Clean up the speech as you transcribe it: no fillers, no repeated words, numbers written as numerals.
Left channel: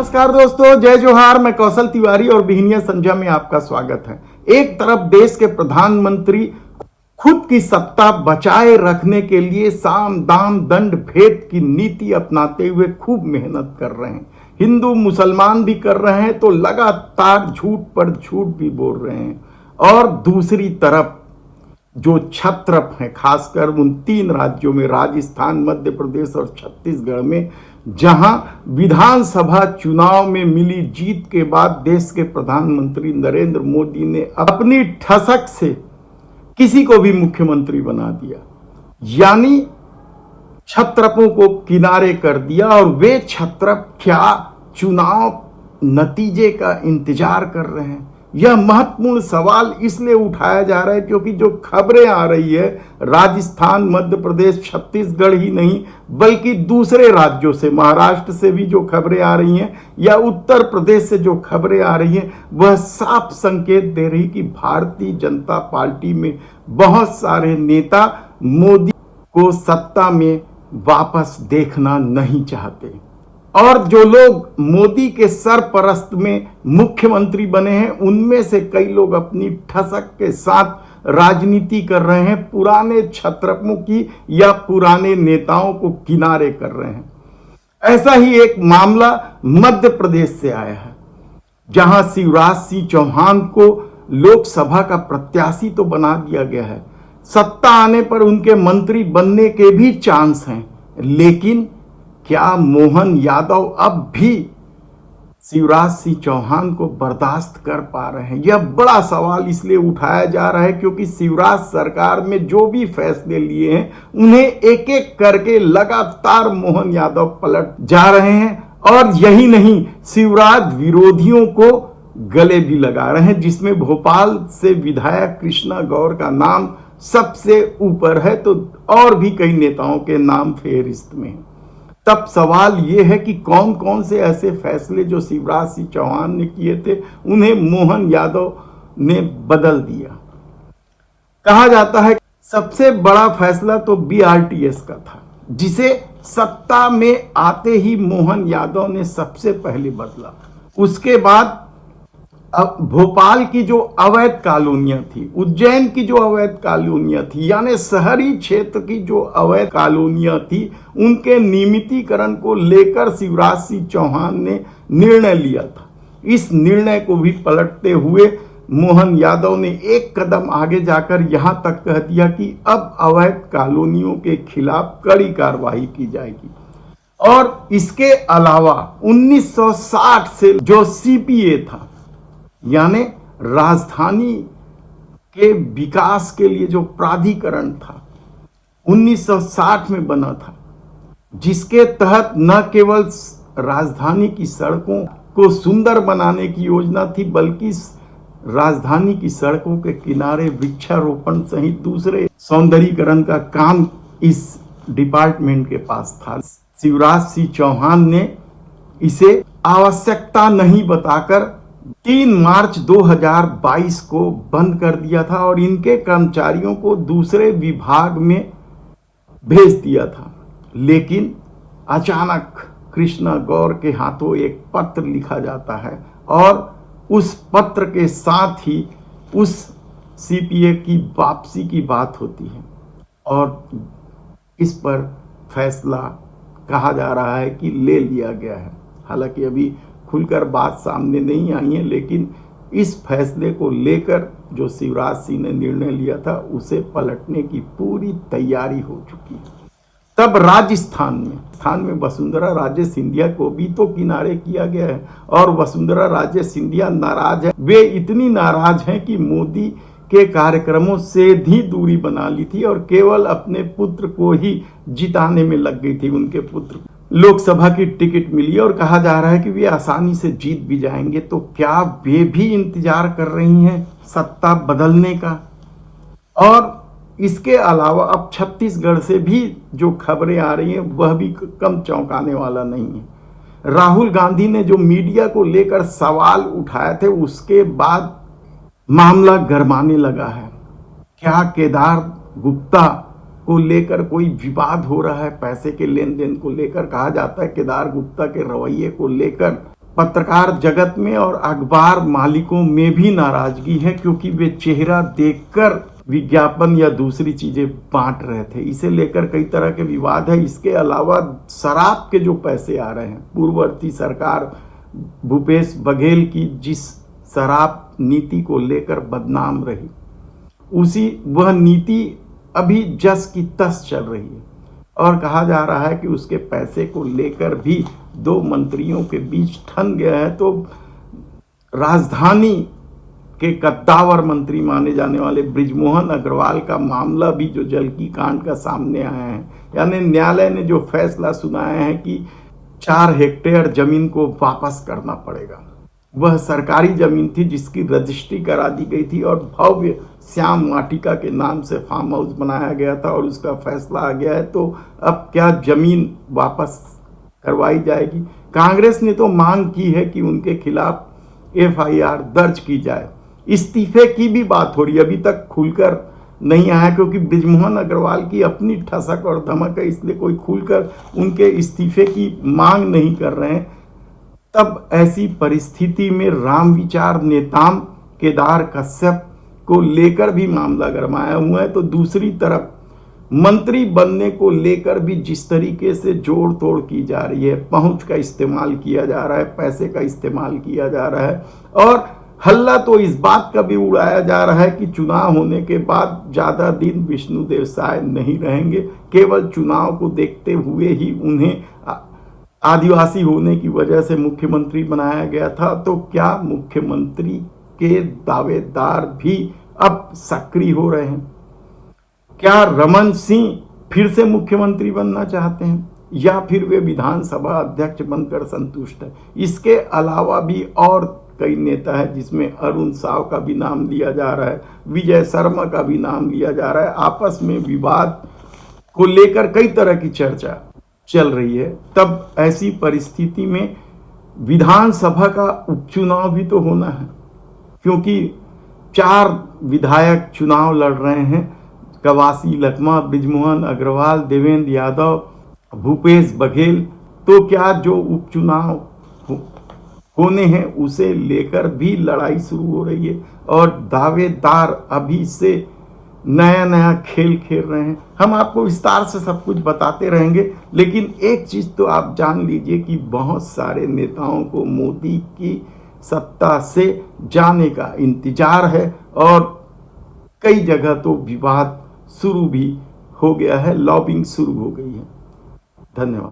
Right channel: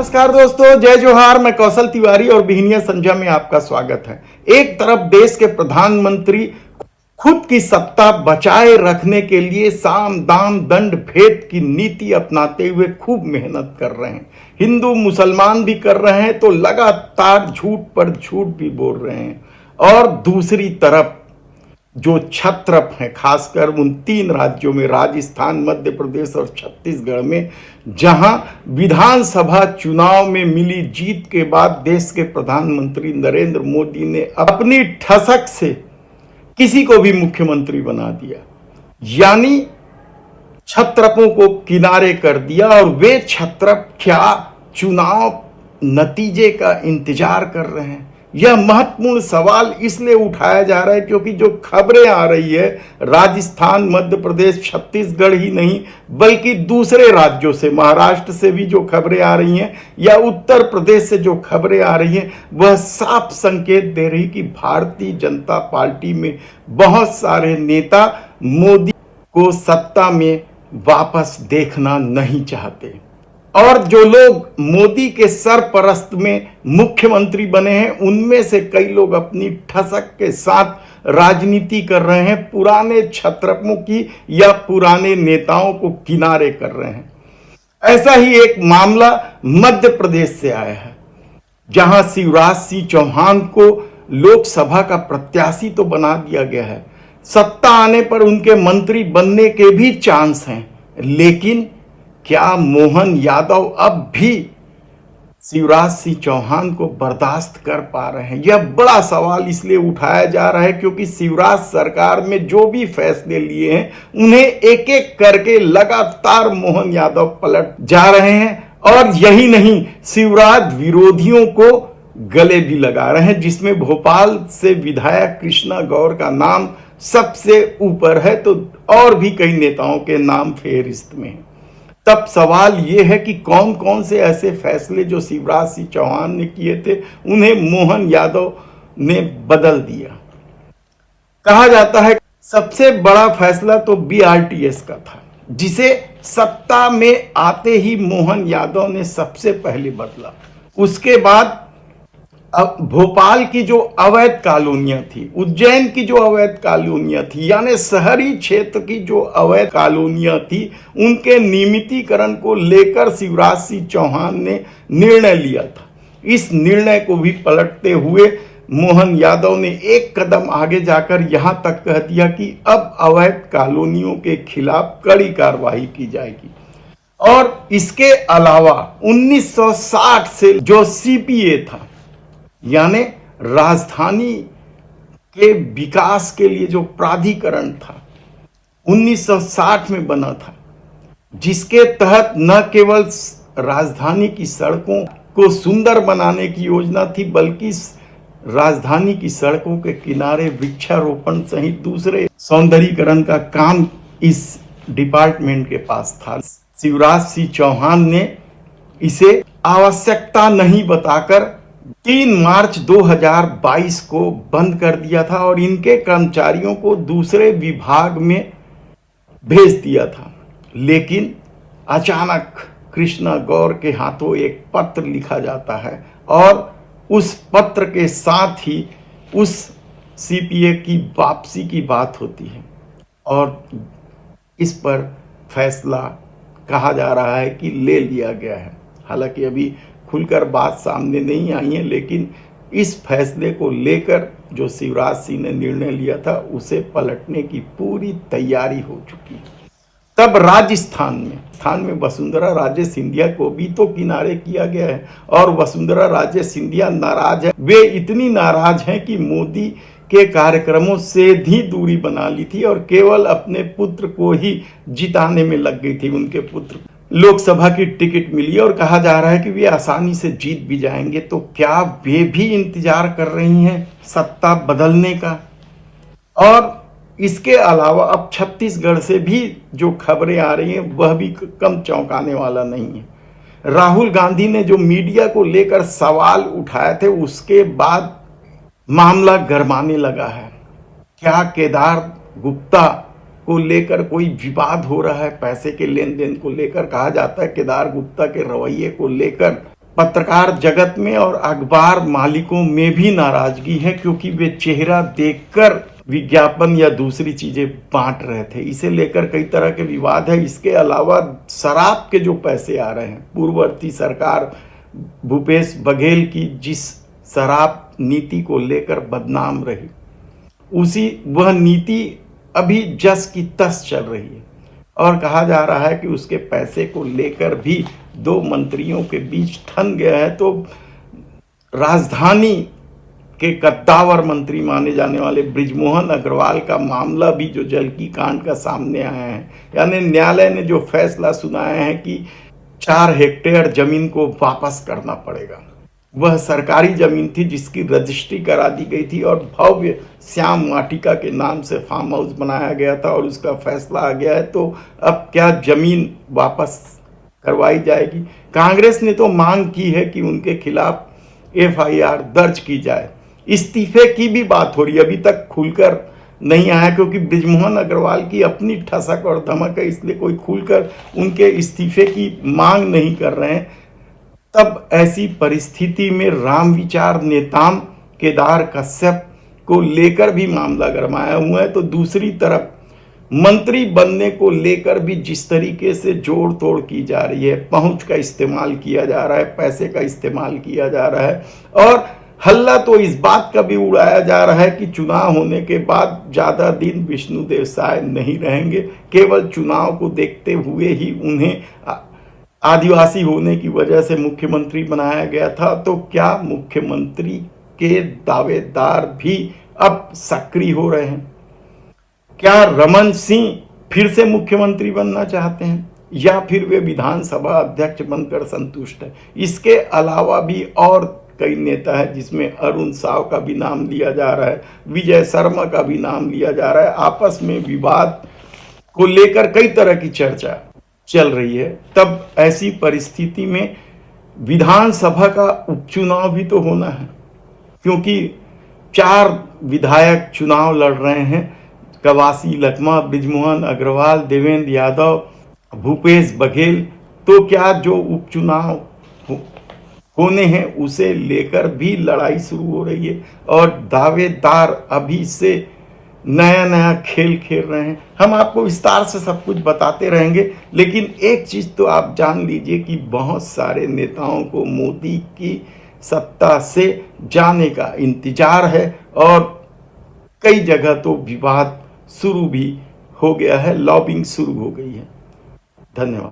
नमस्कार दोस्तों, जय जोहार। मैं कौशल तिवारी और बिहनिया संध्या में आपका स्वागत है। एक तरफ देश के प्रधानमंत्री खुद की सत्ता बचाए रखने के लिए साम दाम दंड भेद की नीति अपनाते हुए खूब मेहनत कर रहे हैं। हिंदू मुसलमान भी कर रहे हैं तो लगातार झूठ पर झूठ भी बोल रहे हैं। और दूसरी तरफ जो क्षत्रप हैं, खासकर उन 3 राज्यों में राजस्थान, मध्य प्रदेश और छत्तीसगढ़ में, जहां विधानसभा चुनाव में मिली जीत के बाद देश के प्रधानमंत्री नरेंद्र मोदी ने अपनी ठसक से किसी को भी मुख्यमंत्री बना दिया, यानी क्षत्रपों को किनारे कर दिया। और वे क्षत्रप क्या चुनाव नतीजे का इंतजार कर रहे हैं? यह महत्वपूर्ण सवाल इसलिए उठाया जा रहा है क्योंकि जो खबरें आ रही है राजस्थान, मध्य प्रदेश, छत्तीसगढ़ ही नहीं बल्कि दूसरे राज्यों से, महाराष्ट्र से भी जो खबरें आ रही हैं या उत्तर प्रदेश से जो खबरें आ रही हैं, वह साफ संकेत दे रही कि भारतीय जनता पार्टी में बहुत सारे नेता मोदी को सत्ता में वापस देखना नहीं चाहते। और जो लोग मोदी के सरपरस्त में मुख्यमंत्री बने हैं, उनमें से कई लोग अपनी ठसक के साथ राजनीति कर रहे हैं, पुराने क्षत्रपों की या पुराने नेताओं को किनारे कर रहे हैं। ऐसा ही एक मामला मध्य प्रदेश से आया है, जहां शिवराज सिंह चौहान को लोकसभा का प्रत्याशी तो बना दिया गया है, सत्ता आने पर उनके मंत्री बनने के भी चांस हैं, लेकिन क्या मोहन यादव अब भी शिवराज सिंह चौहान को बर्दाश्त कर पा रहे हैं? यह बड़ा सवाल इसलिए उठाया जा रहा है क्योंकि शिवराज सरकार में जो भी फैसले लिए हैं उन्हें एक एक करके लगातार मोहन यादव पलट जा रहे हैं। और यही नहीं, शिवराज विरोधियों को गले भी लगा रहे हैं, जिसमें भोपाल से विधायक कृष्णा गौर का नाम सबसे ऊपर है, तो और भी कई नेताओं के नाम फेहरिस्त में है। तब सवाल यह है कि कौन कौन से ऐसे फैसले जो शिवराज सिंह चौहान ने किए थे उन्हें मोहन यादव ने बदल दिया। कहा जाता है सबसे बड़ा फैसला तो बीआरटीएस का था, जिसे सत्ता में आते ही मोहन यादव ने सबसे पहले बदला। उसके बाद अब भोपाल की जो अवैध कॉलोनियां थी, उज्जैन की जो अवैध कॉलोनियां थी, यानी शहरी क्षेत्र की जो अवैध कॉलोनियां थी, उनके नियमितीकरण को लेकर शिवराज सिंह चौहान ने निर्णय लिया था। इस निर्णय को भी पलटते हुए मोहन यादव ने एक कदम आगे जाकर यहां तक कह दिया कि अब अवैध कॉलोनियों के खिलाफ कड़ी कार्रवाई की जाएगी। और इसके अलावा 1960 से जो सीपीए था, यानी राजधानी के विकास के लिए जो प्राधिकरण था, 1960 में बना था, जिसके तहत न केवल राजधानी की सड़कों को सुंदर बनाने की योजना थी बल्कि राजधानी की सड़कों के किनारे वृक्षारोपण सहित दूसरे सौंदर्यीकरण का काम इस डिपार्टमेंट के पास था। शिवराज सिंह चौहान ने इसे आवश्यकता नहीं बताकर 3 मार्च 2022 को बंद कर दिया था और इनके कर्मचारियों को दूसरे विभाग में भेज दिया था। लेकिन अचानक कृष्णा गौर के हाथों एक पत्र लिखा जाता है और उस पत्र के साथ ही उस सीपीए की वापसी की बात होती है और इस पर फैसला कहा जा रहा है कि ले लिया गया है। हालांकि अभी खुलकर बात सामने नहीं आई है, लेकिन इस फैसले को लेकर जो शिवराज सिंह ने निर्णय लिया था उसे पलटने की पूरी तैयारी हो चुकी है। तब राजस्थान में वसुंधरा राजे सिंधिया को भी तो किनारे किया गया है और वसुंधरा राजे सिंधिया नाराज है। वे इतनी नाराज हैं कि मोदी के कार्यक्रमों से भी दूरी बना ली थी और केवल अपने पुत्र को ही जिताने में लग गई थी। उनके पुत्र लोकसभा की टिकट मिली और कहा जा रहा है कि वे आसानी से जीत भी जाएंगे। तो क्या वे भी इंतजार कर रही हैं सत्ता बदलने का? और इसके अलावा अब छत्तीसगढ़ से भी जो खबरें आ रही हैं वह भी कम चौंकाने वाला नहीं है। राहुल गांधी ने जो मीडिया को लेकर सवाल उठाए थे उसके बाद मामला गरमाने लगा है। क्या केदार गुप्ता को लेकर कोई विवाद हो रहा है? पैसे के लेन देन को लेकर कहा जाता है केदार गुप्ता के रवैये को लेकर पत्रकार जगत में और अखबार मालिकों में भी नाराजगी है, क्योंकि वे चेहरा देखकर विज्ञापन या दूसरी चीजें बांट रहे थे। इसे लेकर कई तरह के विवाद है। इसके अलावा शराब के जो पैसे आ रहे हैं, पूर्ववर्ती सरकार भूपेश बघेल की जिस शराब नीति को लेकर बदनाम रही, वह नीति अभी जस की तस चल रही है और कहा जा रहा है कि उसके पैसे को लेकर भी दो मंत्रियों के बीच ठन गया है। तो राजधानी के कद्दावर मंत्री माने जाने वाले बृजमोहन अग्रवाल का मामला भी जो जलकी कांड का सामने आया है, यानी न्यायालय ने जो फैसला सुनाया है कि 4 हेक्टेयर जमीन को वापस करना पड़ेगा। वह सरकारी जमीन थी जिसकी रजिस्ट्री करा दी गई थी और भव्य श्याम वाटिका के नाम से फार्म हाउस बनाया गया था और उसका फैसला आ गया है। तो अब क्या जमीन वापस करवाई जाएगी? कांग्रेस ने तो मांग की है कि उनके खिलाफ FIR दर्ज की जाए। इस्तीफे की भी बात हो रही है, अभी तक खुलकर नहीं आया, क्योंकि बृजमोहन अग्रवाल की अपनी ठसक और धमक है, इसलिए कोई खुलकर उनके इस्तीफे की मांग नहीं कर रहे हैं। तब ऐसी परिस्थिति में राम विचार नेताम केदार कश्यप को लेकर भी मामला गरमाया हुआ है। तो दूसरी तरफ मंत्री बनने को लेकर भी जिस तरीके से जोड़ तोड़ की जा रही है, पहुंच का इस्तेमाल किया जा रहा है, पैसे का इस्तेमाल किया जा रहा है और हल्ला तो इस बात का भी उड़ाया जा रहा है कि चुनाव होने के बाद ज्यादा दिन विष्णुदेव साय नहीं रहेंगे, केवल चुनाव को देखते हुए ही उन्हें आदिवासी होने की वजह से मुख्यमंत्री बनाया गया था। तो क्या मुख्यमंत्री के दावेदार भी अब सक्रिय हो रहे हैं? क्या रमन सिंह फिर से मुख्यमंत्री बनना चाहते हैं या फिर वे विधानसभा अध्यक्ष बनकर संतुष्ट है? इसके अलावा भी और कई नेता है, जिसमें अरुण साव का भी नाम लिया जा रहा है, विजय शर्मा का भी नाम लिया जा रहा है। आपस में विवाद को लेकर कई तरह की चर्चा चल रही है। तब ऐसी परिस्थिति में विधानसभा का उपचुनाव भी तो होना है, क्योंकि 4 विधायक चुनाव लड़ रहे हैं, कवासी लखमा, बृजमोहन अग्रवाल, देवेंद्र यादव, भूपेश बघेल। तो क्या जो उपचुनाव होने हैं उसे लेकर भी लड़ाई शुरू हो रही है और दावेदार अभी से नया नया खेल खेल रहे हैं। हम आपको विस्तार से सब कुछ बताते रहेंगे, लेकिन एक चीज तो आप जान लीजिए कि बहुत सारे नेताओं को मोदी की सत्ता से जाने का इंतजार है और कई जगह तो विवाद शुरू भी हो गया है, लॉबिंग शुरू हो गई है। धन्यवाद।